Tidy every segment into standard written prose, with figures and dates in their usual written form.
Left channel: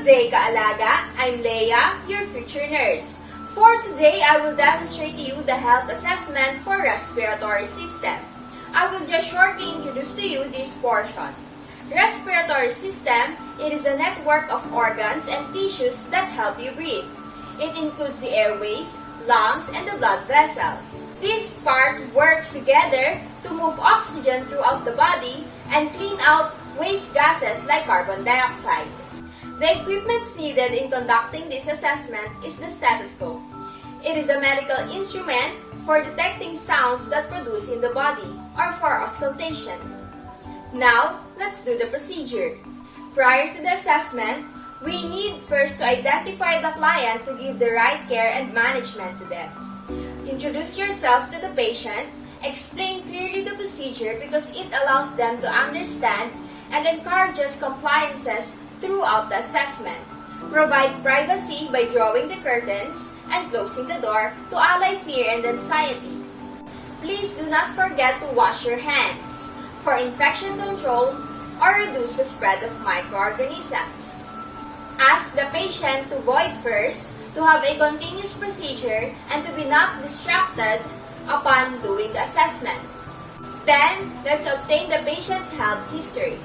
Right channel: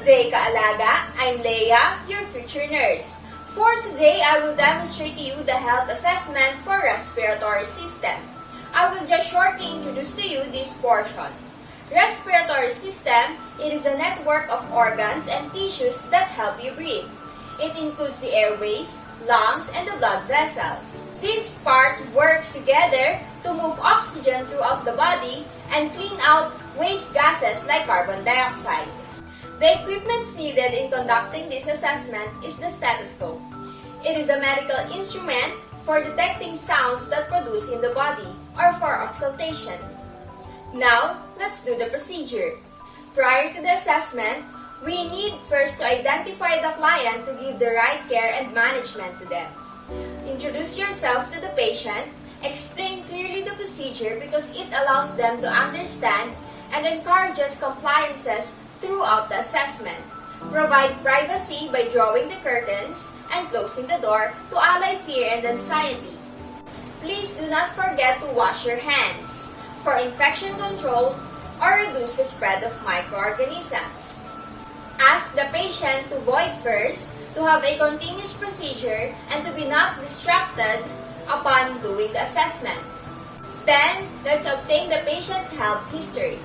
Good day, Kaalaga! I'm Leia, your future nurse. For today, I will demonstrate to you the health assessment for respiratory system. I will just shortly introduce to you this portion. Respiratory system, it is a network of organs and tissues that help you breathe. It includes the airways, lungs, and the blood vessels. This part works together to move oxygen throughout the body and clean out waste gases like carbon dioxide. The equipment needed in conducting this assessment is the stethoscope. It is a medical instrument for detecting sounds that produce in the body or for auscultation. Now, let's do the procedure. Prior to the assessment, we need first to identify the client to give the right care and management to them. Introduce yourself to the patient, explain clearly the procedure because it allows them to understand and encourages compliances throughout the assessment. Provide privacy by drawing the curtains and closing the door to allay fear and anxiety. Please do not forget to wash your hands for infection control or reduce the spread of microorganisms. Ask the patient to void first, to have a continuous procedure, and to be not distracted upon doing the assessment. Then, let's obtain the patient's health history.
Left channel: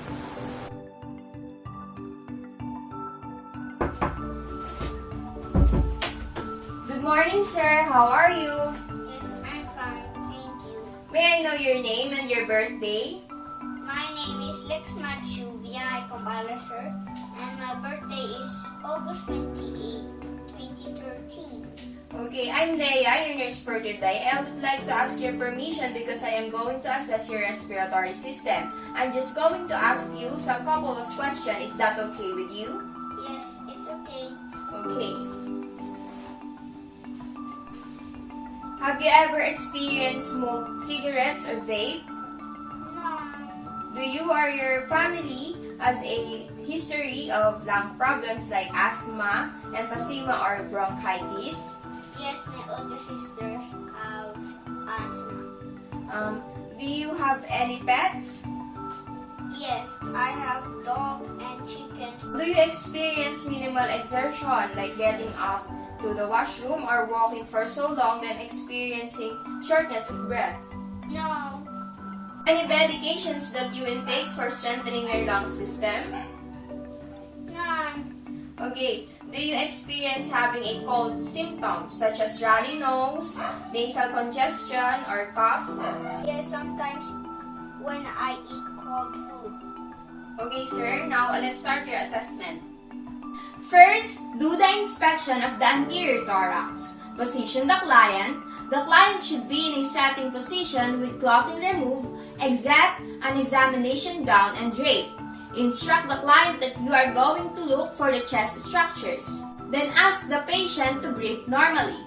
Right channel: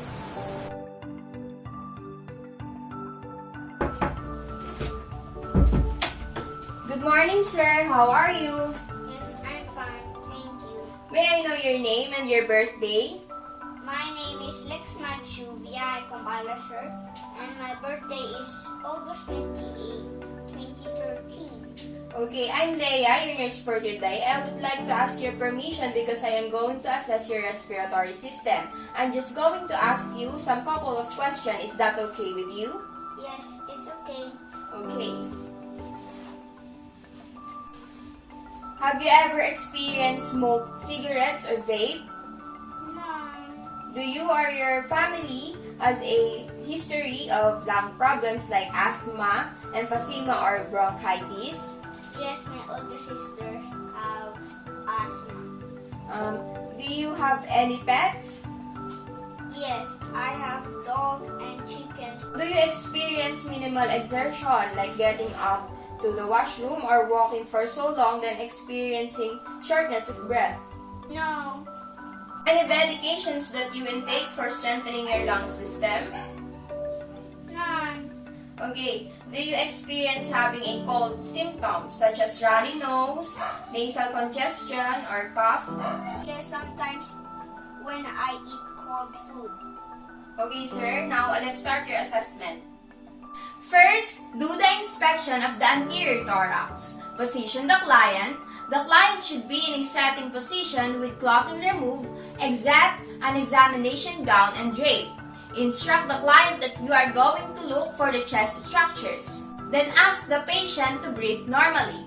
Good morning, sir. How are you? Yes, I'm fine, thank you. May I know your name and your birthday? My name is Lexman Juvia Kambala, sir, and my birthday is August 28, 2013. Okay, I'm Leia, your nurse for today. I would like to ask your permission because I am going to assess your respiratory system. I'm just going to ask you some couple of questions. Is that okay with you? Yes, it's okay. Okay. Have you ever experienced smoked cigarettes or vape? No. Do you or your family has a history of lung problems like asthma, emphysema, or bronchitis? Yes, my older sisters have asthma. Do you have any pets? Yes, I have dog and chickens. Do you experience minimal exertion like getting up to the washroom or walking for so long than experiencing shortness of breath? No. Any medications that you intake for strengthening your lung system? None. Okay. Do you experience having a cold symptoms such as runny nose, nasal congestion, or cough? Yes, sometimes when I eat cold food. Okay, sir. Now, let's start your assessment. First, do the inspection of the anterior thorax. Position the client. The client should be in a sitting position with clothing removed, except an examination gown and drape. Instruct the client that you are going to look for the chest structures. Then ask the patient to breathe normally.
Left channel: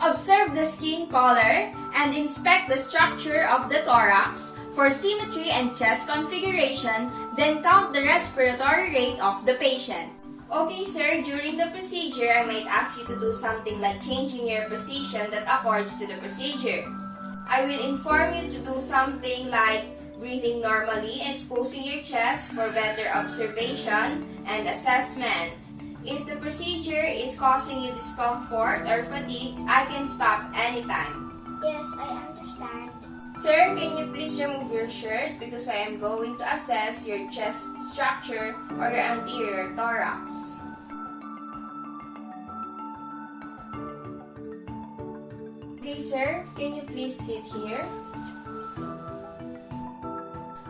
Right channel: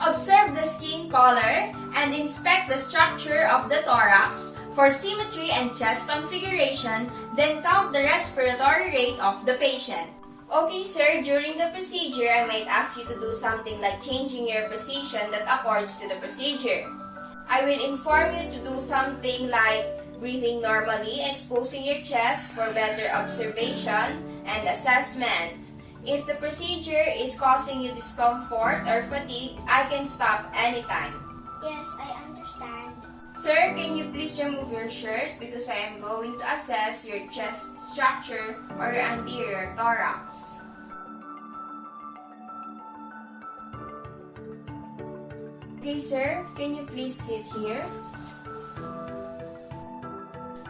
Observe the skin color and inspect the structure of the thorax for symmetry and chest configuration, then count the respiratory rate of the patient. Okay, sir, during the procedure, I might ask you to do something like changing your position that accords to the procedure. I will inform you to do something like breathing normally, exposing your chest for better observation and assessment. If the procedure is causing you discomfort or fatigue, I can stop anytime. Yes, I understand. Sir, can you please remove your shirt because I am going to assess your chest structure or your anterior thorax. Okay, sir, can you please sit here?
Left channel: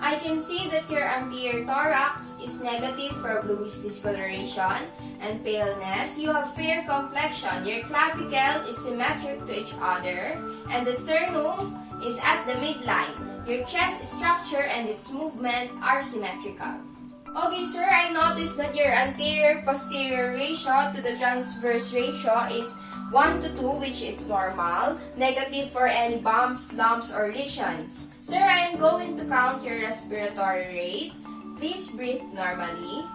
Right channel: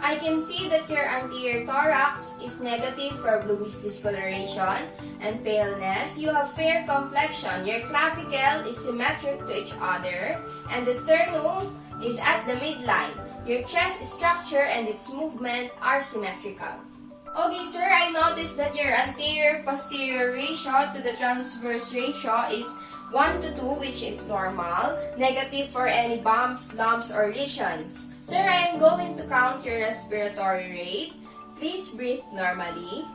I can see that your anterior thorax is negative for bluish discoloration and paleness. You have fair complexion. Your clavicle is symmetric to each other, and the sternum is at the midline. Your chest structure and its movement are symmetrical. Okay, sir, I noticed that your anterior-posterior ratio to the transverse ratio is 1 to 2, which is normal, negative for any bumps, lumps, or lesions. Sir, I am going to count your respiratory rate. Please breathe normally.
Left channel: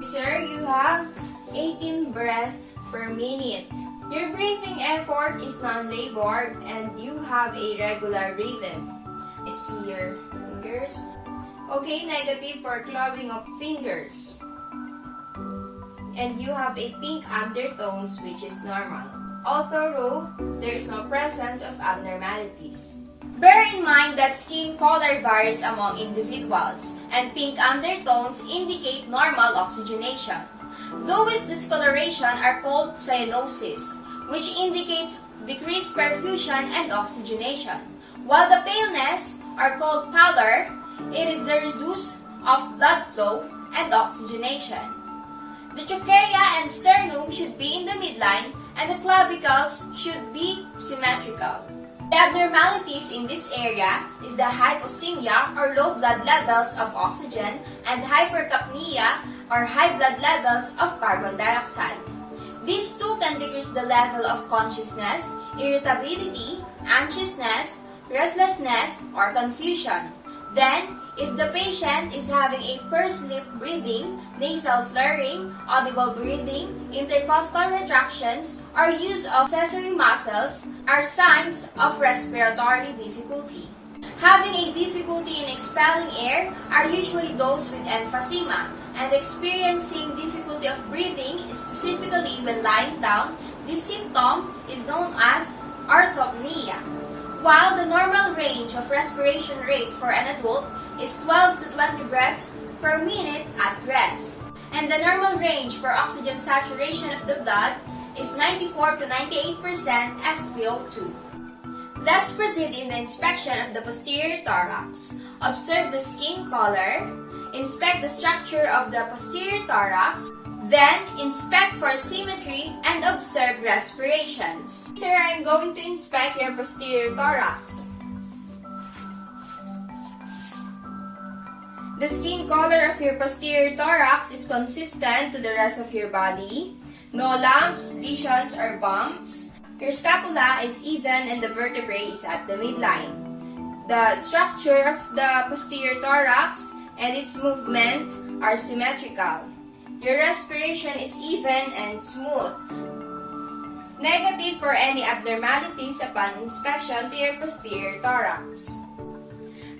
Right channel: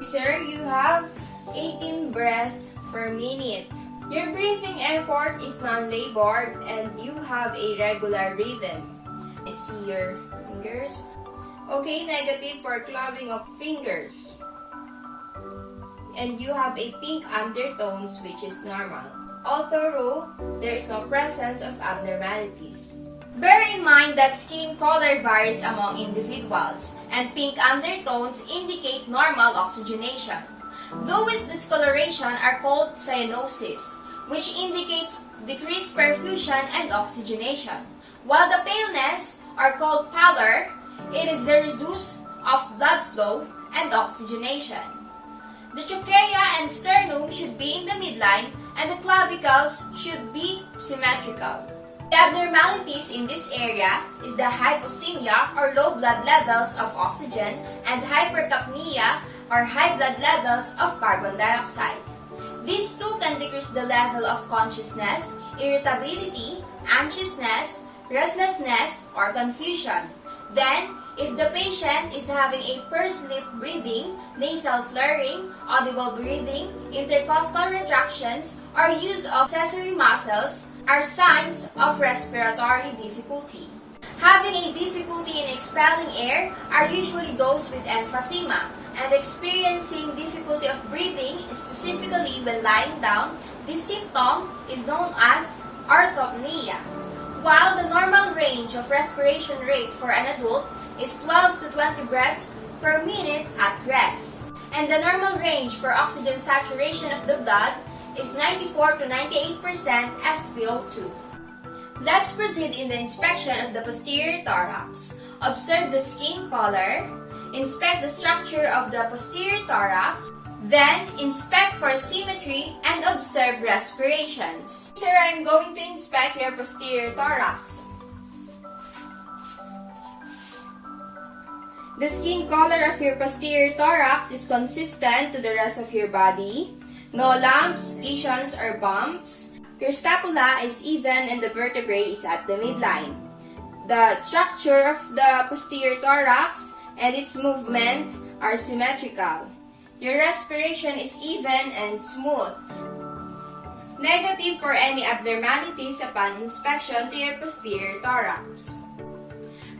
Sir, you have 18 breaths per minute. Your breathing effort is non-labored and you have a regular rhythm. I see your fingers. Okay, negative for clubbing of fingers. And you have a pink undertones, which is normal. Although there is no presence of abnormalities. Bear in mind that skin color varies among individuals, and pink undertones indicate normal oxygenation. Those discoloration are called cyanosis, which indicates decreased perfusion and oxygenation. While the paleness are called pallor, it is the reduce of blood flow and oxygenation. The trachea and sternum should be in the midline, and the clavicles should be symmetrical. The abnormalities in this area is the hypoxemia or low blood levels of oxygen and hypercapnia or high blood levels of carbon dioxide. These two can decrease the level of consciousness, irritability, anxiousness, restlessness, or confusion. Then, if the patient is having a pursed lip breathing, nasal flaring, audible breathing, intercostal retractions, or use of accessory muscles are signs of respiratory difficulty. Having a difficulty in expelling air are usually those with emphysema, and experiencing difficulty of breathing, specifically when lying down, this symptom is known as orthopnea. While the normal range of respiration rate for an adult is 12 to 20 breaths per minute at rest, and the normal range for oxygen saturation of the blood is 94 to 98% SpO2. Let's proceed in the inspection of the posterior thorax. Observe the skin color, inspect the structure of the posterior thorax, then inspect for symmetry and observe respirations. Sir, I'm going to inspect your posterior thorax. The skin color of your posterior thorax is consistent to the rest of your body. No lumps, lesions, or bumps. Your scapula is even and the vertebrae is at the midline. The structure of the posterior thorax and its movement are symmetrical. Your respiration is even and smooth. Negative for any abnormalities upon inspection to your posterior thorax.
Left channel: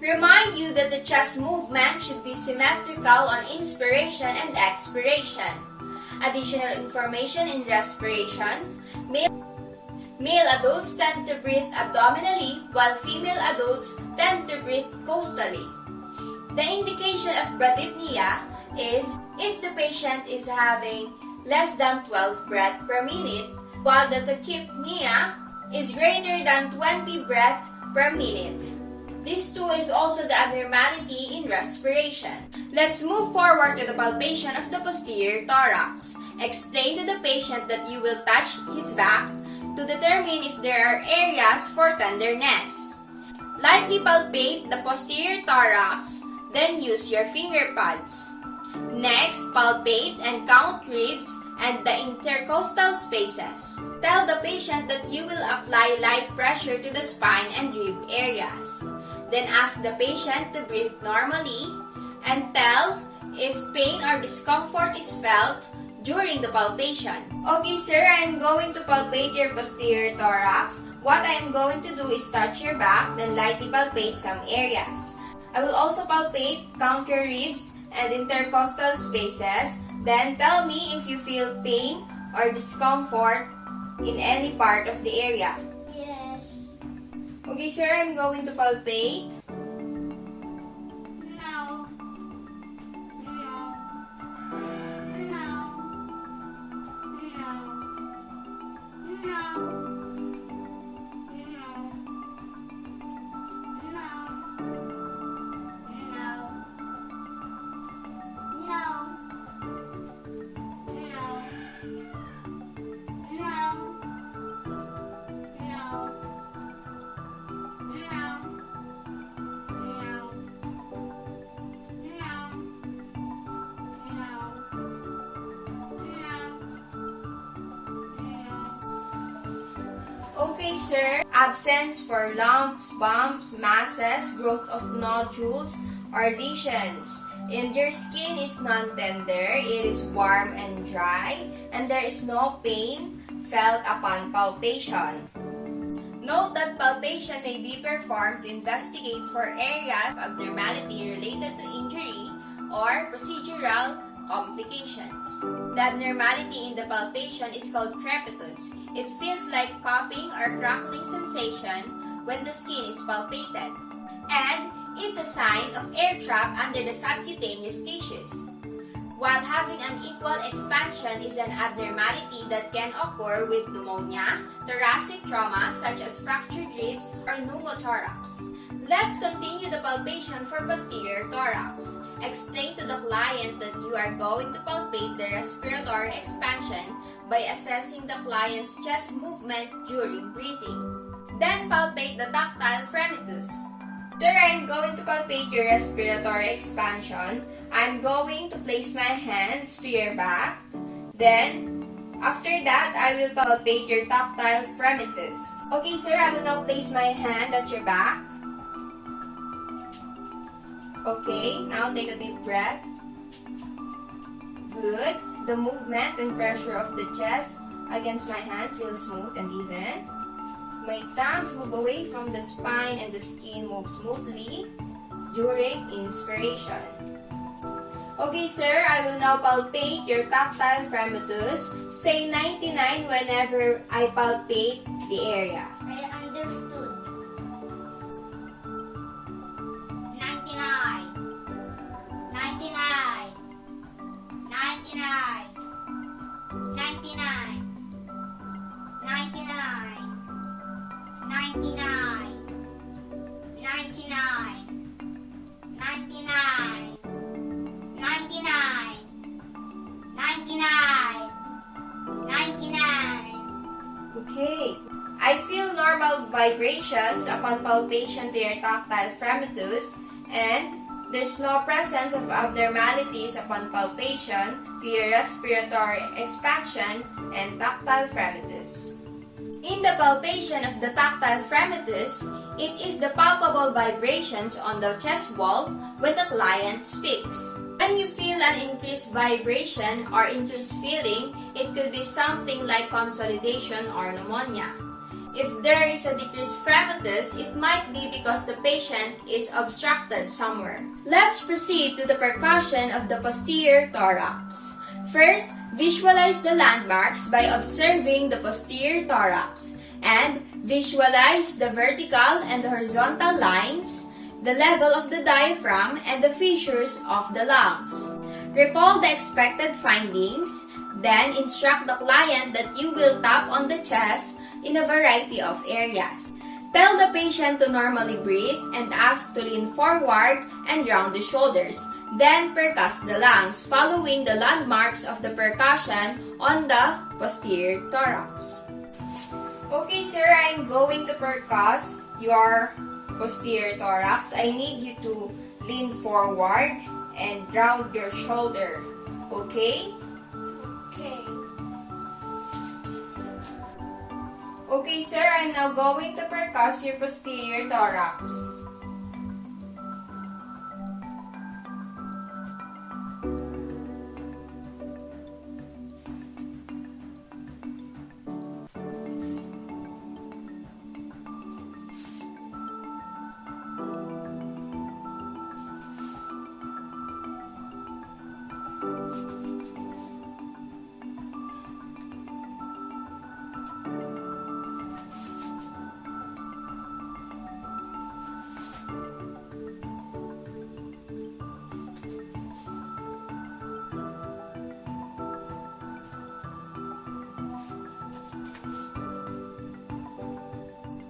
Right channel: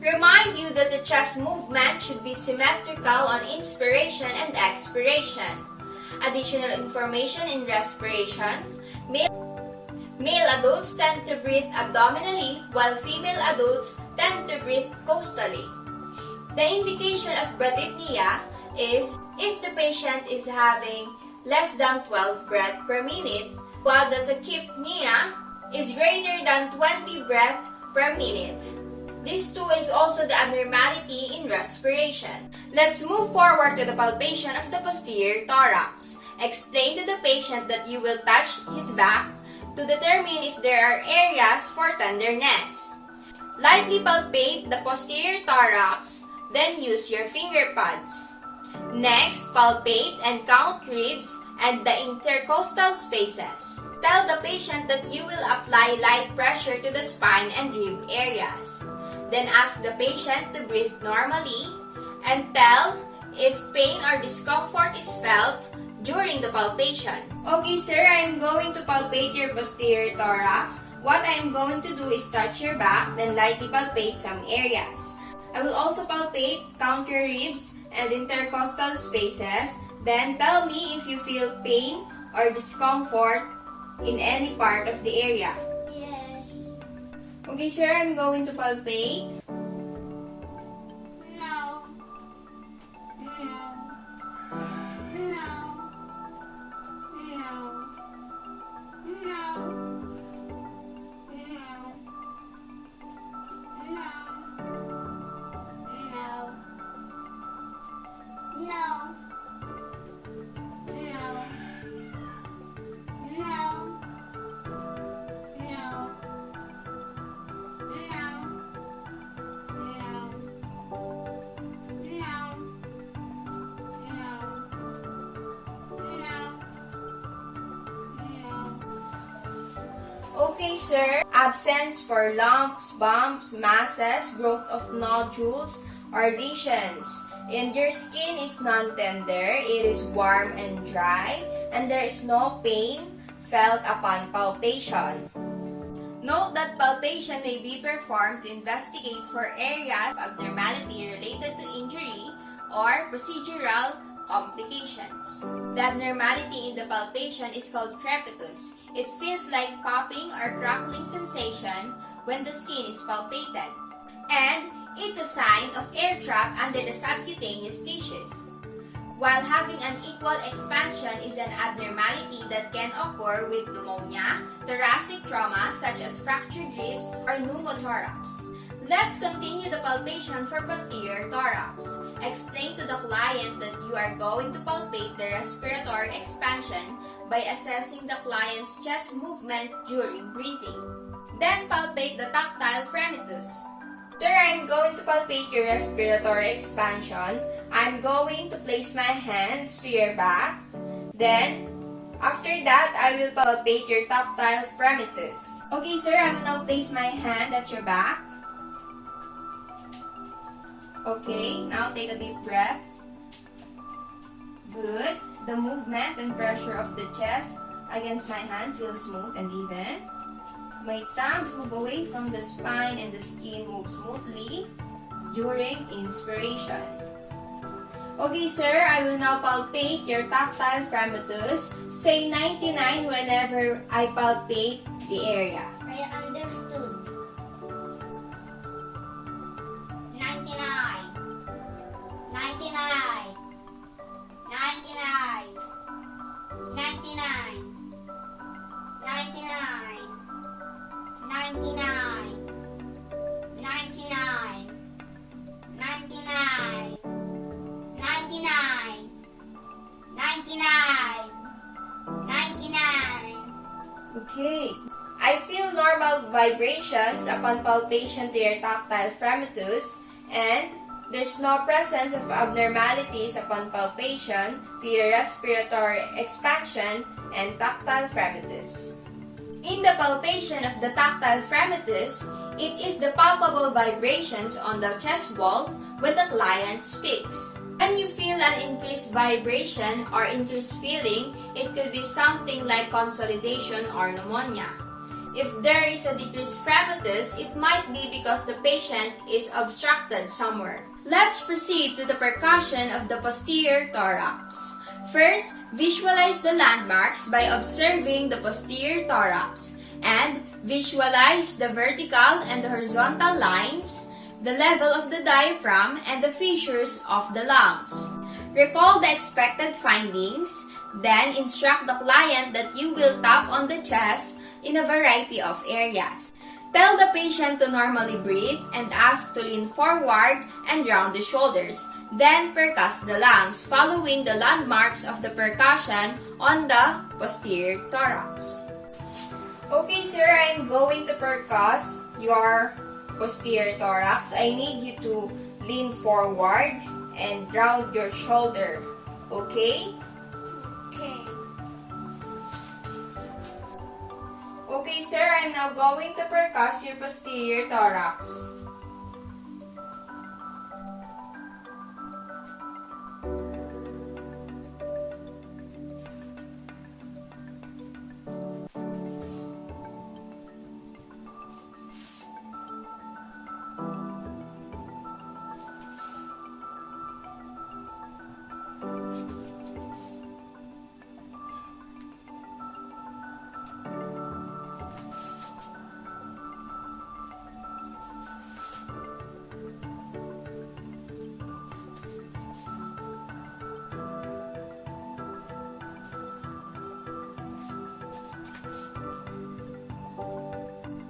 Remind you that the chest movement should be symmetrical on inspiration and expiration. Additional information in respiration. Male adults tend to breathe abdominally while female adults tend to breathe costally. The indication of bradypnea is if the patient is having less than 12 breaths per minute, while the tachypnea is greater than 20 breaths per minute. This too is also the abnormality in respiration. Let's move forward to the palpation of the posterior thorax. Explain to the patient that you will touch his back to determine if there are areas for tenderness. Lightly palpate the posterior thorax, then use your finger pads. Next, palpate and count ribs and the intercostal spaces. Tell the patient that you will apply light pressure to the spine and rib areas. Then ask the patient to breathe normally and tell if pain or discomfort is felt during the palpation. Okay, sir, I am going to palpate your posterior thorax. What I am going to do is touch your back, then lightly palpate some areas. I will also palpate, count your ribs, and intercostal spaces. Then tell me if you feel pain or discomfort in any part of the area. Yes. Okay, sir, I'm going to palpate. No. No. No. No. No. Okay, sir. Absence for lumps, bumps, masses, growth of nodules, or lesions. And your skin is non-tender, it is warm and dry, and there is no pain felt upon palpation. Note that palpation may be performed to investigate for areas of abnormality related to injury or procedural complications. The abnormality in the palpation is called crepitus. It feels like popping or crackling sensation when the skin is palpated. And it's a sign of air trap under the subcutaneous tissues. While having unequal expansion is an abnormality that can occur with pneumonia, thoracic trauma such as fractured ribs or pneumothorax. Let's continue the palpation for posterior thorax. Explain to the client that you are going to palpate the respiratory expansion by assessing the client's chest movement during breathing. Then palpate the tactile fremitus. Sir, I'm going to palpate your respiratory expansion. I'm going to place my hands to your back. Then, after that, I will palpate your tactile fremitus. Okay, sir, I will now place my hand at your back. Okay, now take a deep breath. Good. The movement and pressure of the chest against my hand feels smooth and even. My thumbs move away from the spine and the skin moves smoothly during inspiration. Okay, sir, I will now palpate your tactile fremitus. Say 99 whenever I palpate the area. I understood. 99. Okay. I feel normal vibrations upon palpation to your tactile fremitus, and there's no presence of abnormalities upon palpation to your respiratory expansion and tactile fremitus. In the palpation of the tactile fremitus, it is the palpable vibrations on the chest wall when the client speaks. When you feel an increased vibration or increased feeling, it could be something like consolidation or pneumonia. If there is a decreased fremitus, it might be because the patient is obstructed somewhere. Let's proceed to the percussion of the posterior thorax. First, visualize the landmarks by observing the posterior thorax and visualize the vertical and the horizontal lines, the level of the diaphragm, and the fissures of the lungs. Recall the expected findings, then instruct the client that you will tap on the chest in a variety of areas. Tell the patient to normally breathe and ask to lean forward and round the shoulders. Then percuss the lungs, following the landmarks of the percussion on the posterior thorax. Okay, sir, I'm going to percuss your posterior thorax. I need you to lean forward and round your shoulder. Okay? Okay. Okay, sir, I'm now going to percuss your posterior thorax.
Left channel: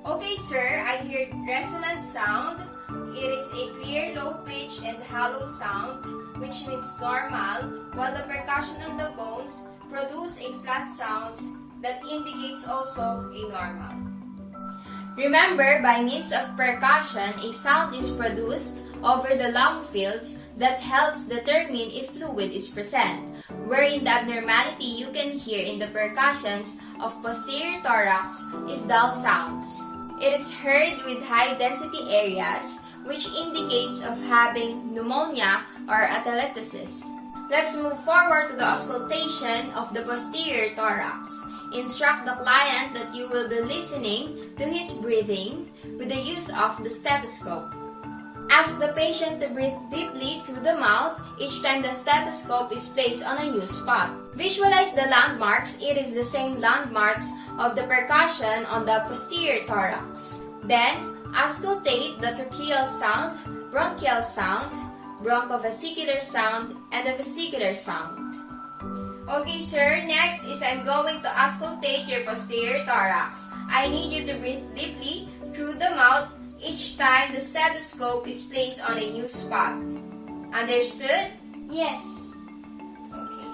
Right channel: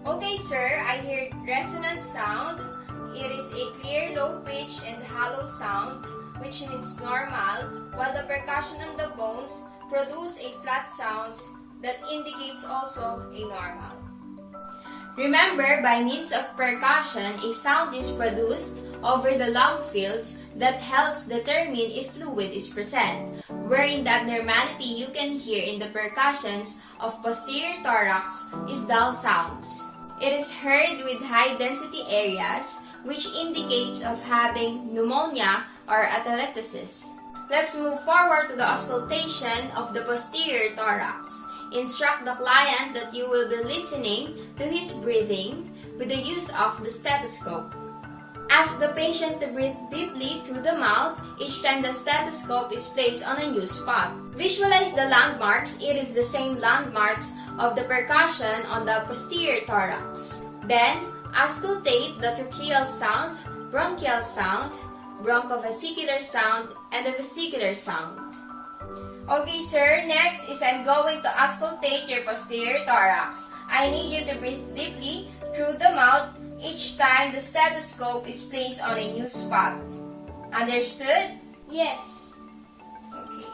Okay, sir, I hear resonant sound. It is a clear, low pitch and hollow sound, which means normal, while the percussion on the bones produce a flat sound that indicates also a normal. Remember, by means of percussion, a sound is produced over the lung fields that helps determine if fluid is present, wherein the abnormality you can hear in the percussions of posterior thorax is dull sounds. It is heard with high-density areas which indicates of having pneumonia or atelectasis. Let's move forward to the auscultation of the posterior thorax. Instruct the client that you will be listening to his breathing with the use of the stethoscope. Ask the patient to breathe deeply through the mouth each time the stethoscope is placed on a new spot. Visualize the landmarks. It is the same landmarks of the percussion on the posterior thorax. Then, auscultate the tracheal sound, bronchial sound, bronchovesicular sound, and the vesicular sound. Okay, sir. Next is I'm going to auscultate your posterior thorax. I need you to breathe deeply through the mouth each time the stethoscope is placed on a new spot. Understood? Yes. Okay.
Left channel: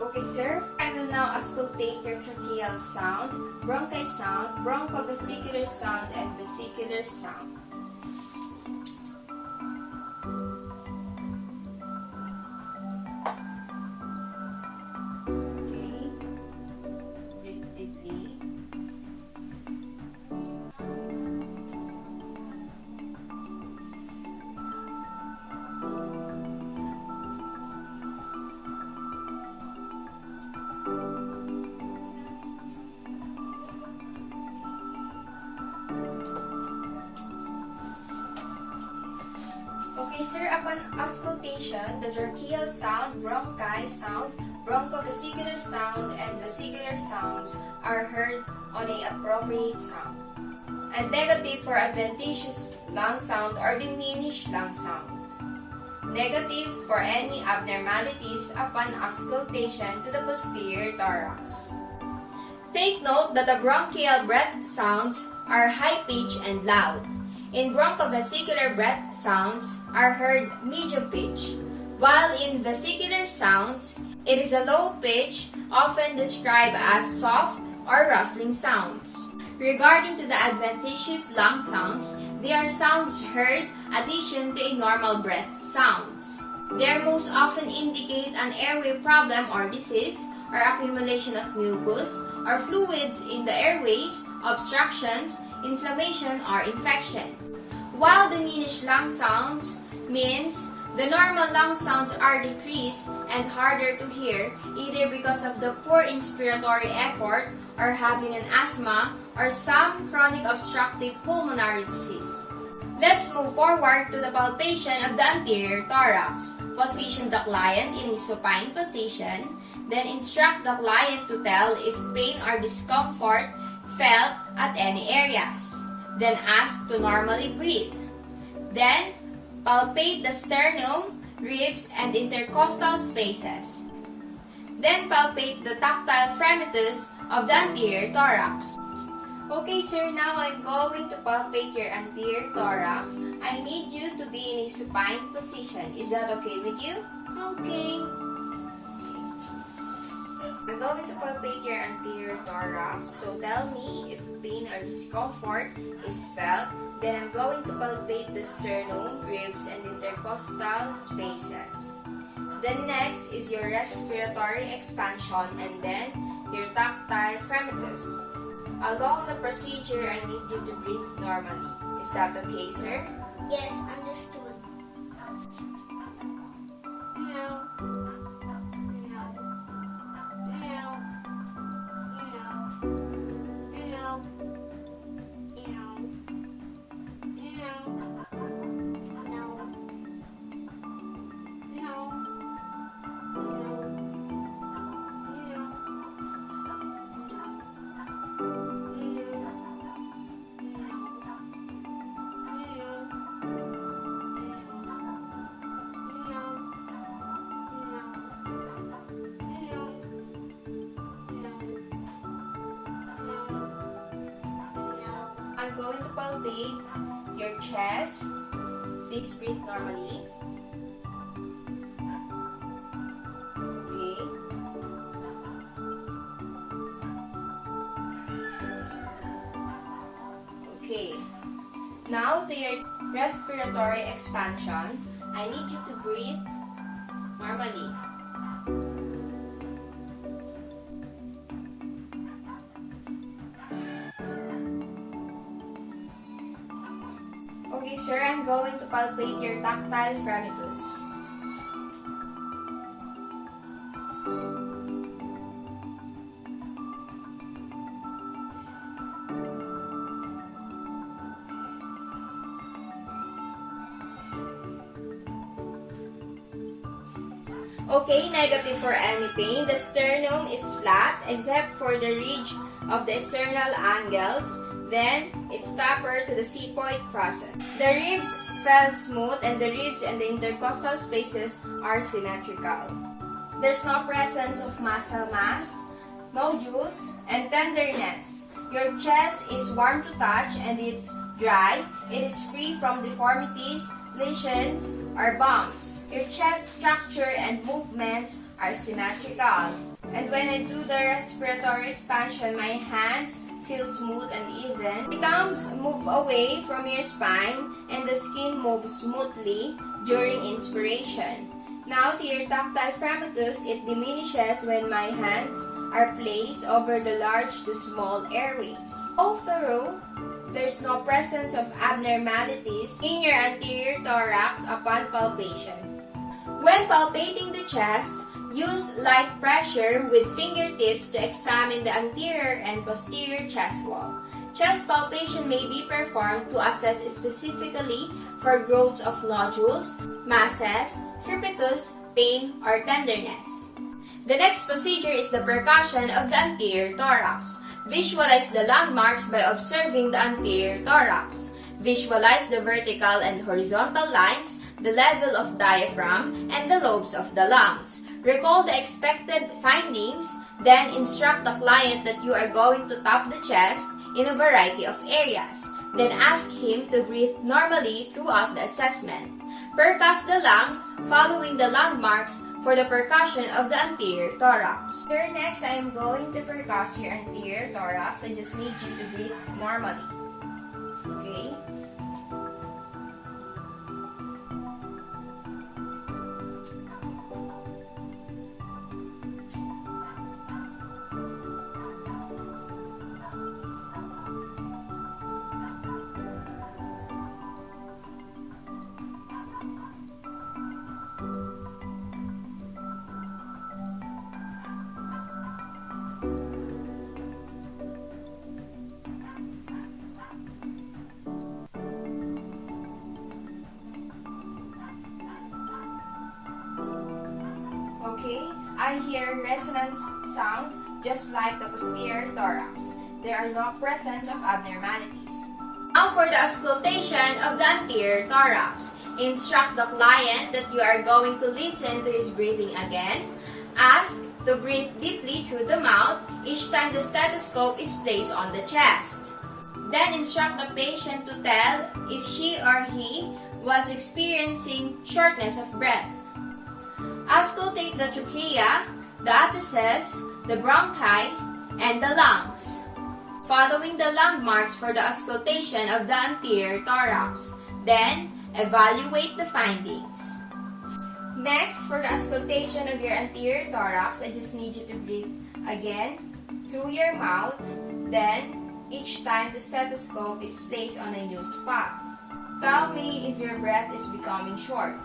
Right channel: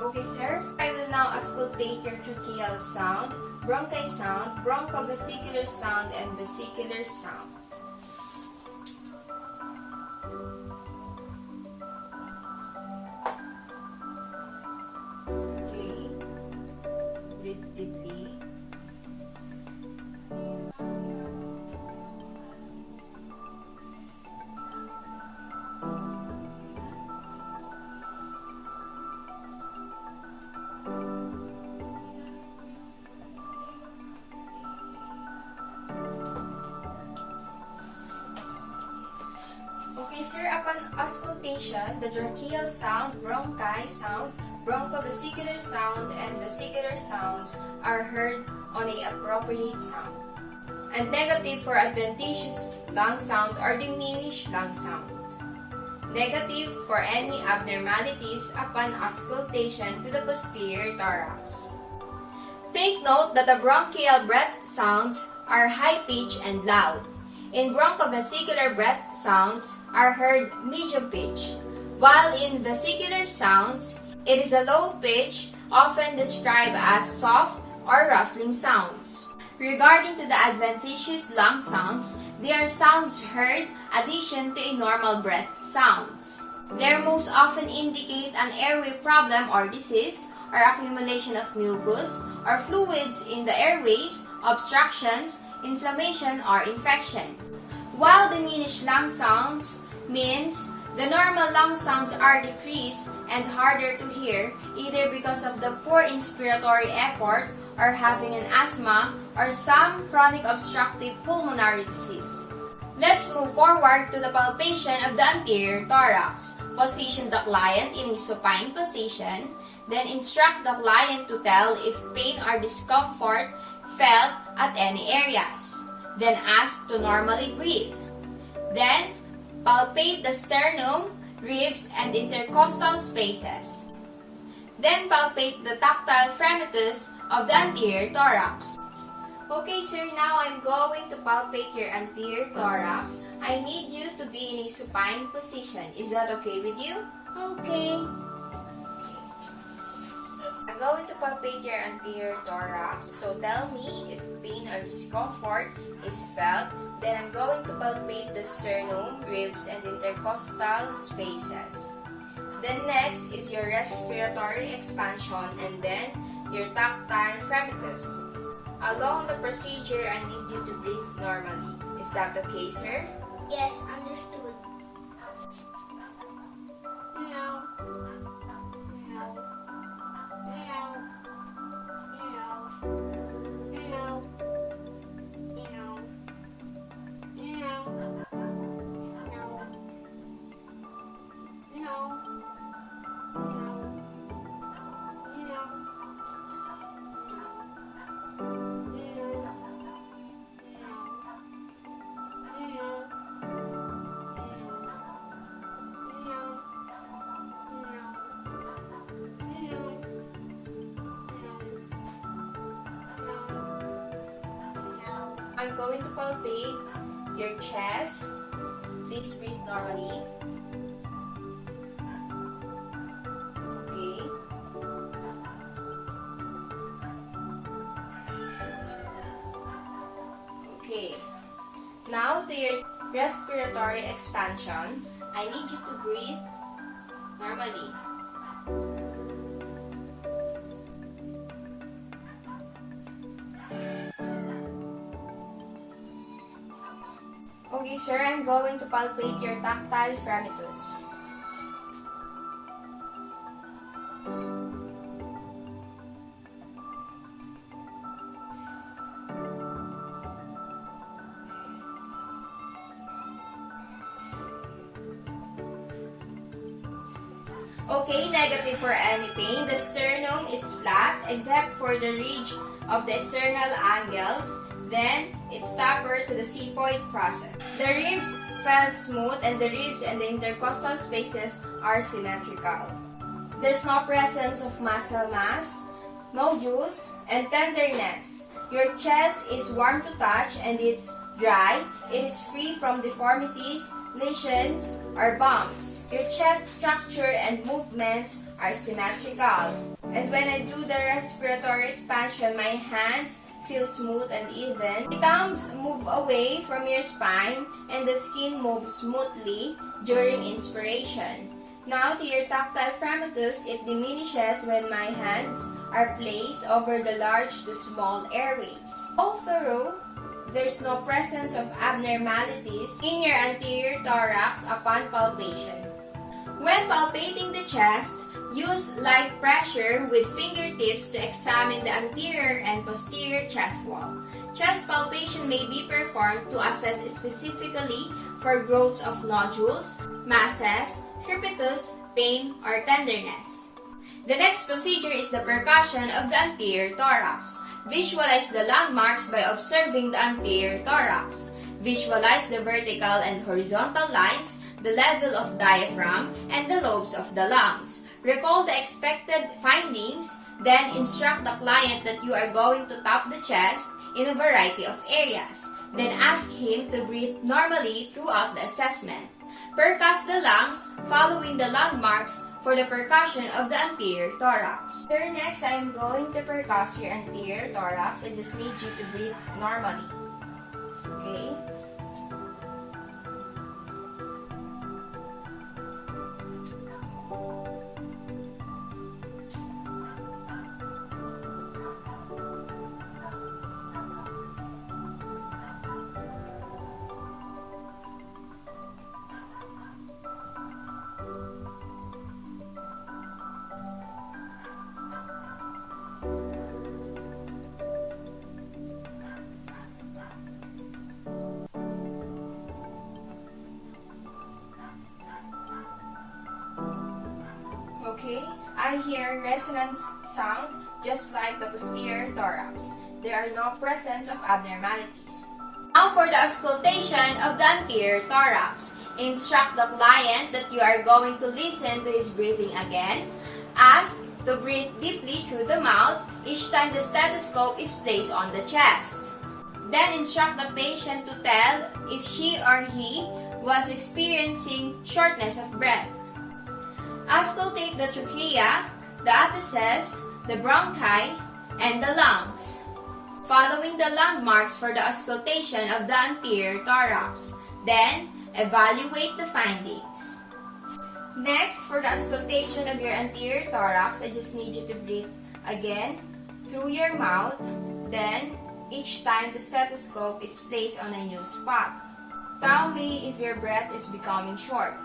Okay, sir. I will now auscultate your tracheal sound, bronchi sound, bronchovesicular sound, and vesicular sound. Okay. Breathe deeply. Okay, sir, upon auscultation, the tracheal sound, bronchi sound, bronchovesicular sound, and vesicular sounds are heard on a appropriate sound. And negative for adventitious lung sound or diminished lung sound. Negative for any abnormalities upon auscultation to the posterior thorax. Take note that the bronchial breath sounds are high-pitched and loud. In bronchovesicular breath sounds are heard medium pitch, while in vesicular sounds, it is a low pitch, often described as soft or rustling sounds. Regarding to the adventitious lung sounds, they are sounds heard addition to a normal breath sounds. They most often indicate an airway problem or disease, or accumulation of mucus or fluids in the airways, obstructions, inflammation, or infection. While diminished lung sounds means the normal lung sounds are decreased and harder to hear either because of the poor inspiratory effort or having an asthma or some chronic obstructive pulmonary disease. Let's move forward to the palpation of the anterior thorax. Position the client in a supine position, then instruct the client to tell if pain or discomfort felt at any areas. Then ask to normally breathe. Then, palpate the sternum, ribs, and intercostal spaces. Then palpate the tactile fremitus of the anterior thorax. Okay, sir, now I'm going to palpate your anterior thorax. I need you to be in a supine position. Is that okay with you? Okay. I'm going to palpate your anterior thorax, so tell me if pain or discomfort is felt. Then I'm going to palpate the sternum, ribs, and intercostal spaces. Then next is your respiratory expansion and then your tactile Crepitus. Along the procedure, I need you to breathe normally. Is that okay, sir? Yes, understood. No. No. No. No. No. No. I'm going to palpate your chest. Please breathe normally. Okay. Okay. Now to your respiratory expansion, I need you to breathe normally. Okay, sir, I'm going to palpate your tactile Crepitus. Okay, negative for any pain. The sternum is flat except for the ridge of the external angles. Then, it's taper to the sepoid process. The ribs fell smooth and the ribs and the intercostal spaces are symmetrical. There's no presence of muscle mass, nodules, and tenderness. Your chest is warm to touch and it's dry. It is free from deformities, lesions, or bumps. Your chest structure and movements are symmetrical. And when I do the respiratory expansion, my hands feel smooth and even. The thumbs move away from your spine and the skin moves smoothly during inspiration. Now to your tactile Crepitus, it diminishes when my hands are placed over the large to small airways. Although there's no presence of abnormalities in your anterior thorax upon palpation. When palpating the chest, use light pressure with fingertips to examine the anterior and posterior chest wall. Chest palpation may be performed to assess specifically for growth of nodules, masses, crepitus, pain, or tenderness. The next procedure is the percussion of the anterior thorax. Visualize the landmarks by observing the anterior thorax. Visualize the vertical and horizontal lines, the level of diaphragm, and the lobes of the lungs. Recall the expected findings, then instruct the client that you are going to tap the chest in a variety of areas. Then ask him to breathe normally throughout the assessment. Percuss the lungs following the landmarks for the percussion of the anterior thorax. Sir, next I am going to percuss your anterior thorax. I just need you to breathe normally. Okay? Okay, I hear resonance sound just like the posterior thorax. There are no presence of abnormalities. Now for the auscultation of the anterior thorax. Instruct the client that you are going to listen to his breathing again. Ask to breathe deeply through the mouth each time the stethoscope is placed on the chest. Then instruct the patient to tell if she or he was experiencing shortness of breath. Auscultate the trachea, the apices, the bronchi, and the lungs. Following the landmarks for the auscultation of the anterior thorax. Then, evaluate the findings. Next, for the auscultation of your anterior thorax, I just need you to breathe again through your mouth. Then, each time the stethoscope is placed on a new spot. Tell me if your breath is becoming short.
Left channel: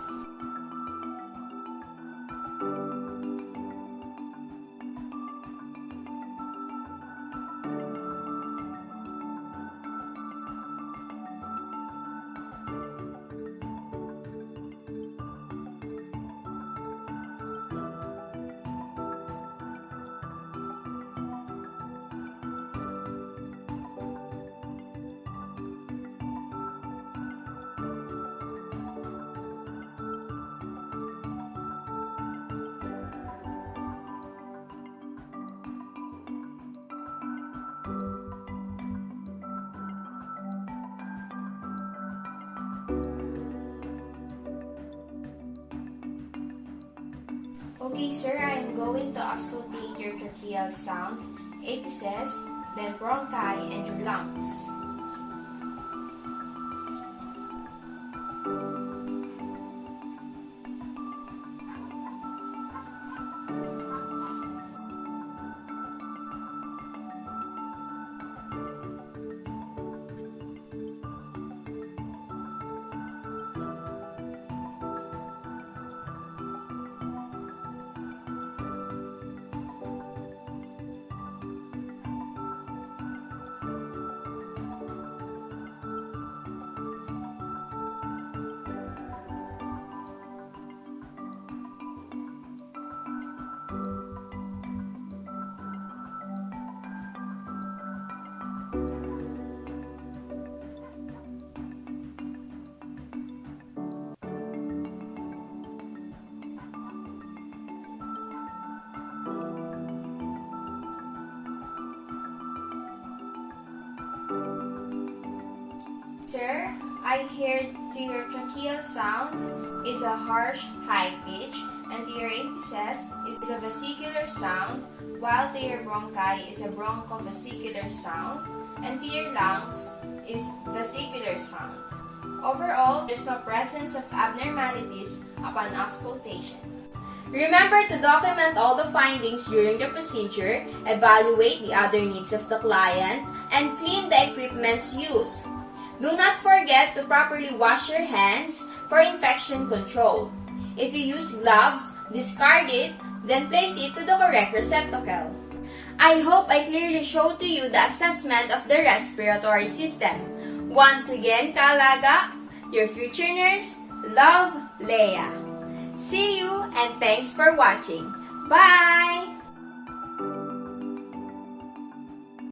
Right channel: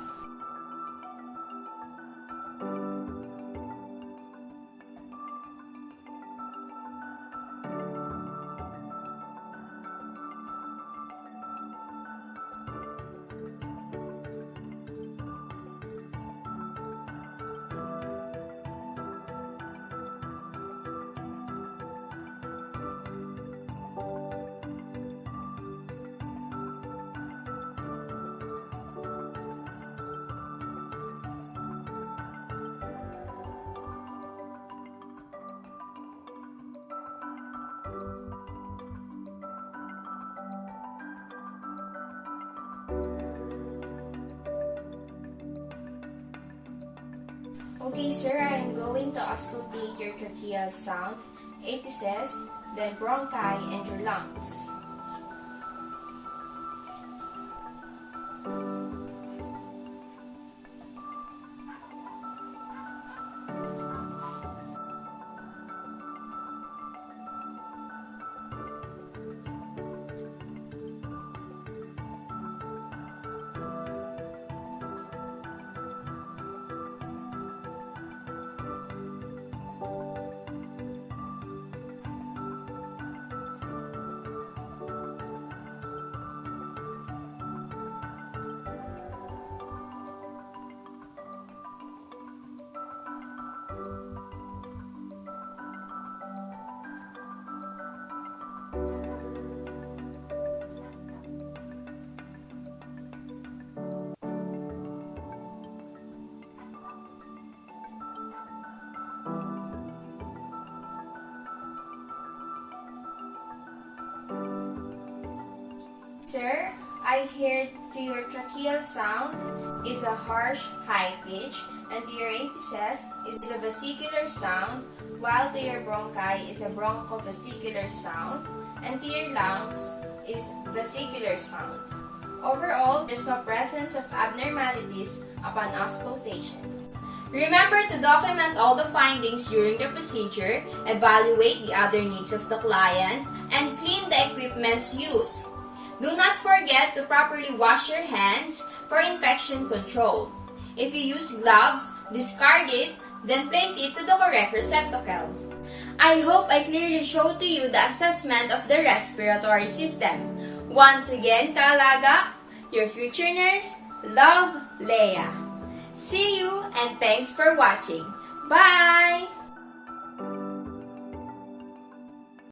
Okay, sir, I am going to auscultate your tracheal sound, apices, then bronchi, and your lungs. Sir, I hear to your tracheal sound is a harsh high pitch, and to your apices is a vesicular sound, while to your bronchi is a bronchovesicular sound, and to your lungs is vesicular sound. Overall, there's no presence of abnormalities upon auscultation. Remember to document all the findings during the procedure, evaluate the other needs of the client, and clean the equipments used. Do not forget to properly wash your hands for infection control. If you use gloves, discard it, then place it to the correct receptacle. I hope I clearly showed to you the assessment of the respiratory system. Once again, Kaalaga, your future nurse, Love, Leia. See you and thanks for watching. Bye!